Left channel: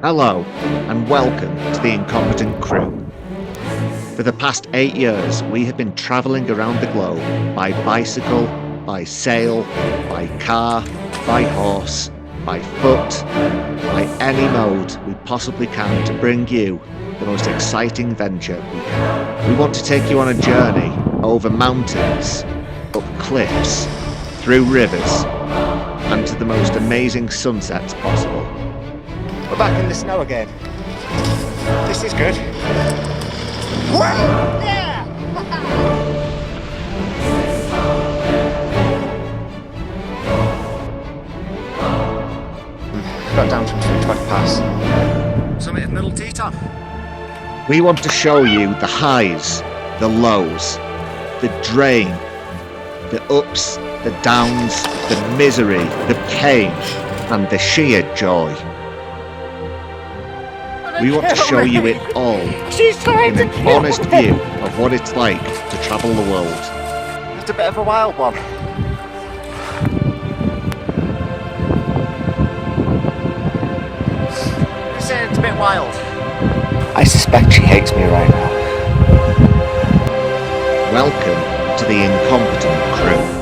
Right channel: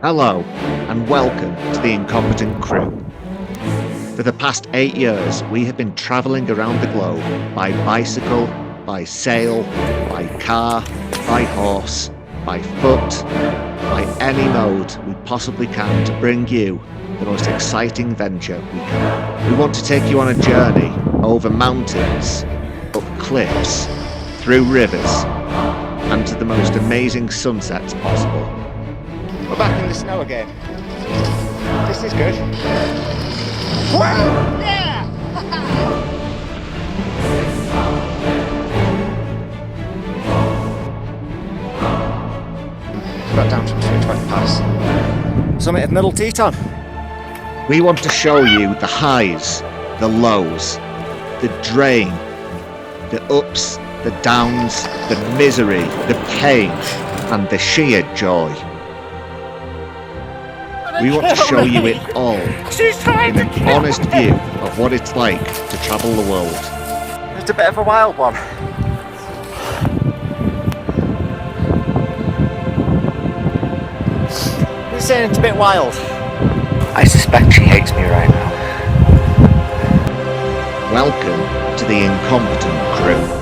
Hello, and welcome to the Incompetent Crew. For the past 8 years, we have been travelling around the globe by bicycle, by sail, by car, by horse, by foot, by any mode we possibly can to bring you the most exciting venture we can. We want to take you on a journey over mountains, up cliffs, through rivers, and to the most amazing sunsets possible. We're back in the snow again. This is good. Woo! Yeah! Got down to 20 pass. Summit of Middle Teton. We want to show you the highs, the lows, the drain, the ups, the downs, the misery, the pain, and the sheer joy. We want to show you it all in an honest view of what it's like to travel the world. It's a bit of a wild one. You're saying it's a bit wild. I suspect she hates me right now. Welcome to the Incompetent Crew.